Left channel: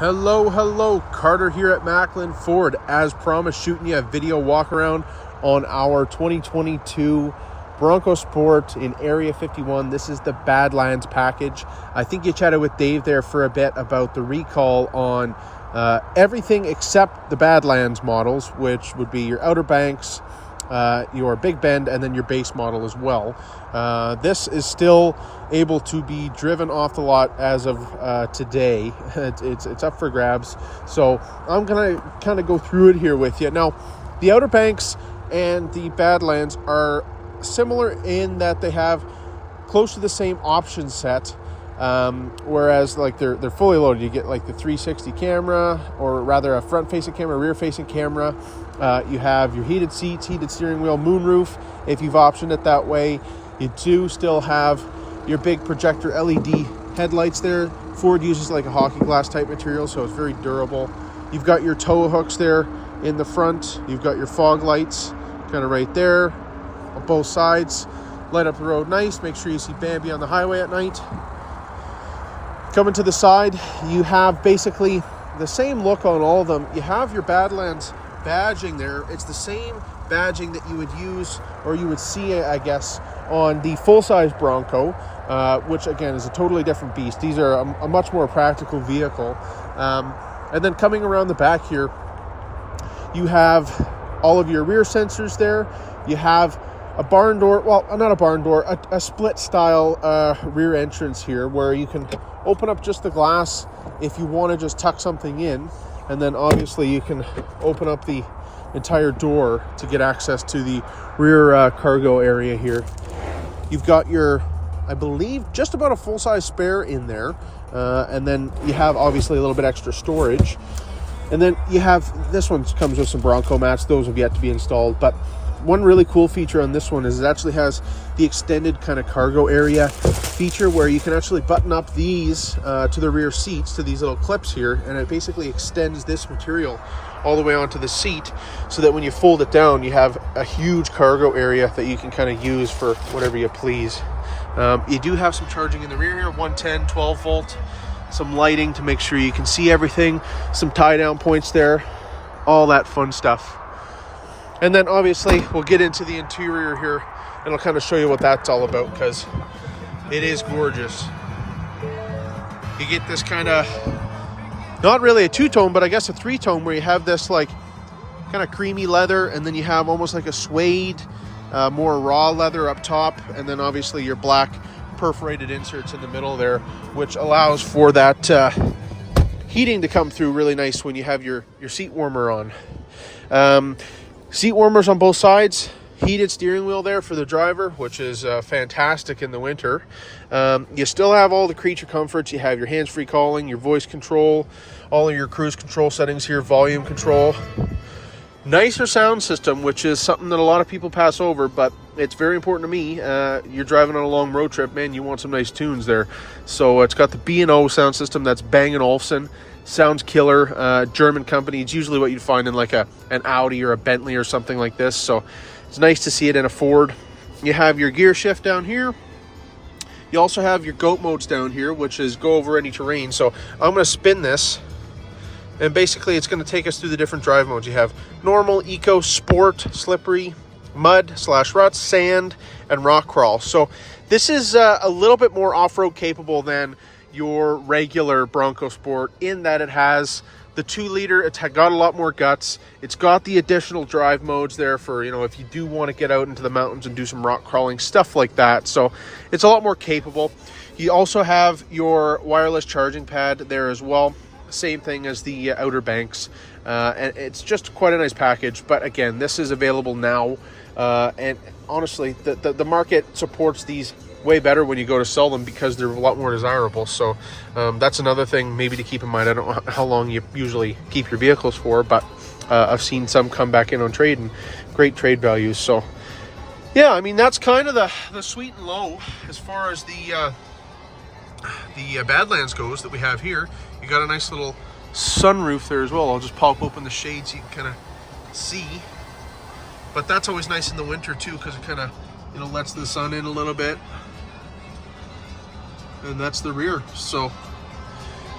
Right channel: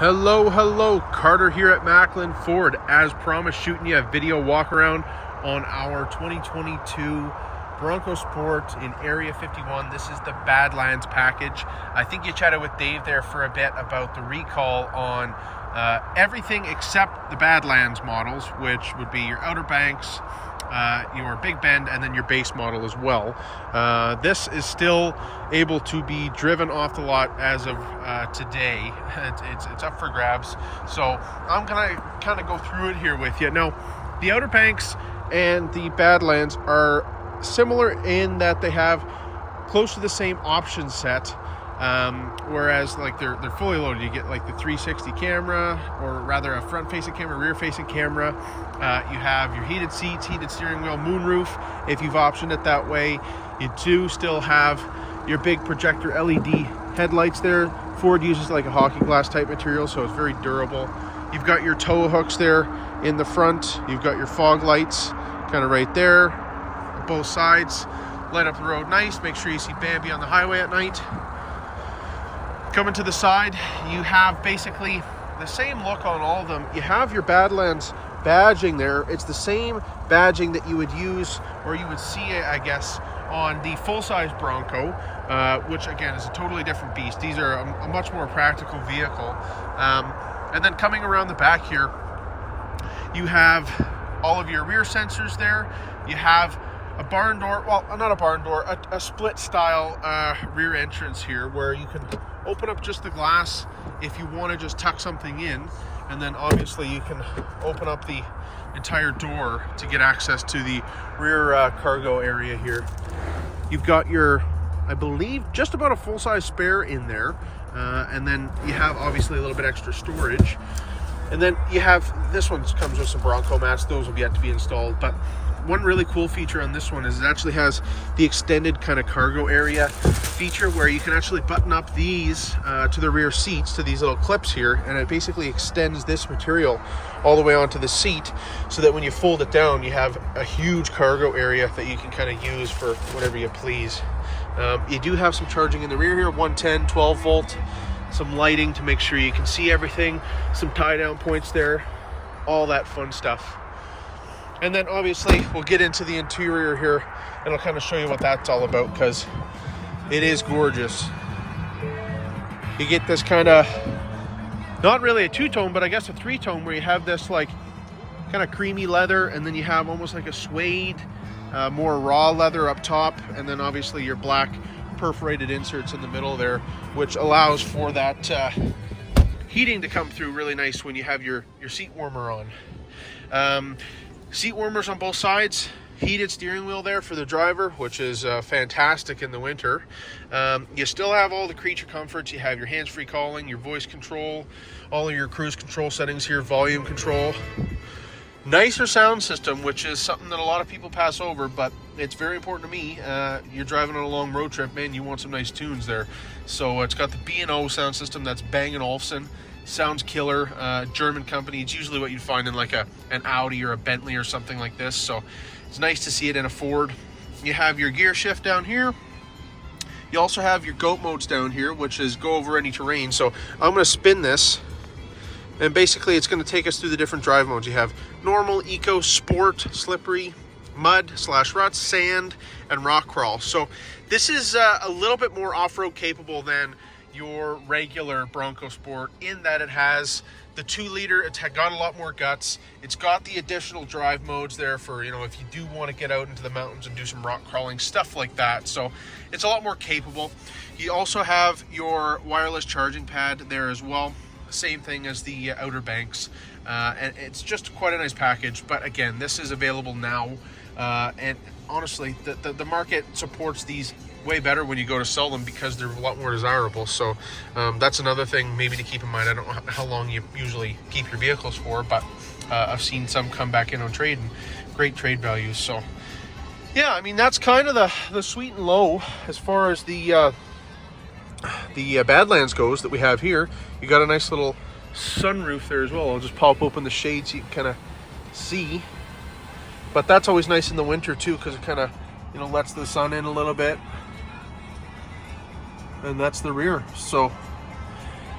Hello, Carter here at Macklin Ford. As promised, shooting you a video walk around on our 2022 Bronco Sport in Area 51. This is the Badlands package. I think you chatted with Dave there for a bit about the recall on everything except the Badlands models, which would be your Outer Banks, your Big Bend, and then your base model as well. This is still able to be driven off the lot as of today. It's up for grabs, so I'm gonna kind of go through it here with you. Now, the Outer Banks and the Badlands are similar in that they have close to the same option set, whereas like they're fully loaded. You get like the 360 camera, or rather a front-facing camera, rear-facing camera. You have your heated seats, heated steering wheel, moonroof if you've optioned it that way. You do still have your big projector LED headlights there. Ford uses like a hockey glass type material, so it's very durable. You've got your tow hooks there in the front. You've got your fog lights kind of right there on both sides. Light up the road nice. Make sure you see Bambi on the highway at night. Coming to the side, you have basically the same look on all of them. You have your Badlands badging there. It's the same badging that you would use, or you would see, I guess, on the full-size Bronco, which again is a totally different beast. These are a much more practical vehicle. And then coming around the back here, you have all of your rear sensors there. You have a barn door, well, not a barn door, a split style rear entrance here, where you can open up just the glass if you want to just tuck something in, and then obviously you can open up the entire door to get access to the rear cargo area here. You've got your, I believe, just about a full-size spare in there, and then you have obviously a little bit extra storage. And then you have, this one comes with some Bronco mats. Those have yet to be installed, but one really cool feature on this one is it actually has the extended kind of cargo area feature, where you can actually button up these to the rear seats, to these little clips here, and it basically extends this material all the way onto the seat, so that when you fold it down, you have a huge cargo area that you can kind of use for whatever you please. You do have some charging in the rear here, 110, 12 volt, some lighting to make sure you can see everything, some tie down points there, all that fun stuff. And then obviously we'll get into the interior here, and I'll kind of show you what that's all about, because it is gorgeous. You get this kind of, not really a two-tone, but I guess a three-tone, where you have this like kind of creamy leather, and then you have almost like a suede, more raw leather up top, and then obviously your black perforated inserts in the middle there, which allows for that heating to come through really nice when you have your seat warmer on. Seat warmers on both sides, heated steering wheel there for the driver, which is fantastic in the winter. You still have all the creature comforts. You have your hands-free calling, your voice control, all of your cruise control settings here, volume control. Nicer sound system, which is something that a lot of people pass over, but it's very important to me. You're driving on a long road trip, man, you want some nice tunes there. So it's got the B&O sound system, that's Bang & Olufsen. Sounds killer. German company. It's usually what you'd find in like an Audi or a Bentley or something like this, so it's nice to see it in a Ford. You have your gear shift down here. You also have your goat modes down here, which is go over any terrain. So I'm going to spin this, and basically it's going to take us through the different drive modes. You have normal, eco, sport, slippery, mud / ruts, sand, and rock crawl. So this is a little bit more off-road capable than your regular Bronco Sport, in that it has the 2-liter. It's got a lot more guts. It's got the additional drive modes there for, you know, if you do want to get out into the mountains and do some rock crawling, stuff like that. So it's a lot more capable. You also have your wireless charging pad there as well. Same thing as the Outer Banks. And it's just quite a nice package. But again, this is available now. And honestly, the market supports these way better when you go to sell them, because they're a lot more desirable. So that's another thing maybe to keep in mind. I don't know how long you usually keep your vehicles for, but I've seen some come back in on trade, and great trade values. So yeah, I mean, that's kind of the sweet and low as far as the Badlands goes that we have here. You got a nice little sunroof there as well. I'll just pop open the shade so you can kind of see, but that's always nice in the winter too, because it kind of, you know, lets the sun in a little bit. And that's the rear. So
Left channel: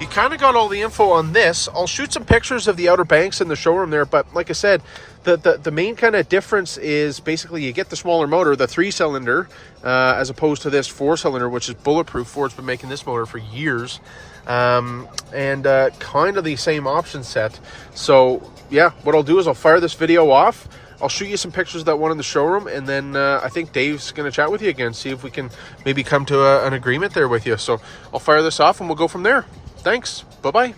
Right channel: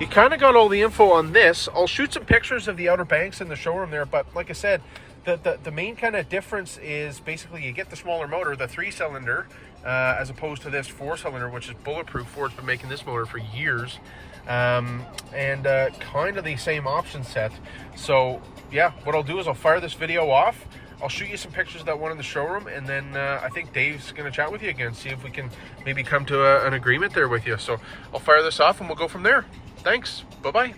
you kind of got all the info on this. I'll shoot some pictures of the Outer Banks in the showroom there, but like I said, the main kind of difference is basically you get the smaller motor, the 3-cylinder, as opposed to this 4-cylinder, which is bulletproof. Ford's been making this motor for years. And kind of the same option set. So yeah, what I'll do is I'll fire this video off. I'll shoot you some pictures of that one in the showroom, and then I think Dave's going to chat with you again, see if we can maybe come to an agreement there with you. So I'll fire this off and we'll go from there. Thanks. Bye-bye.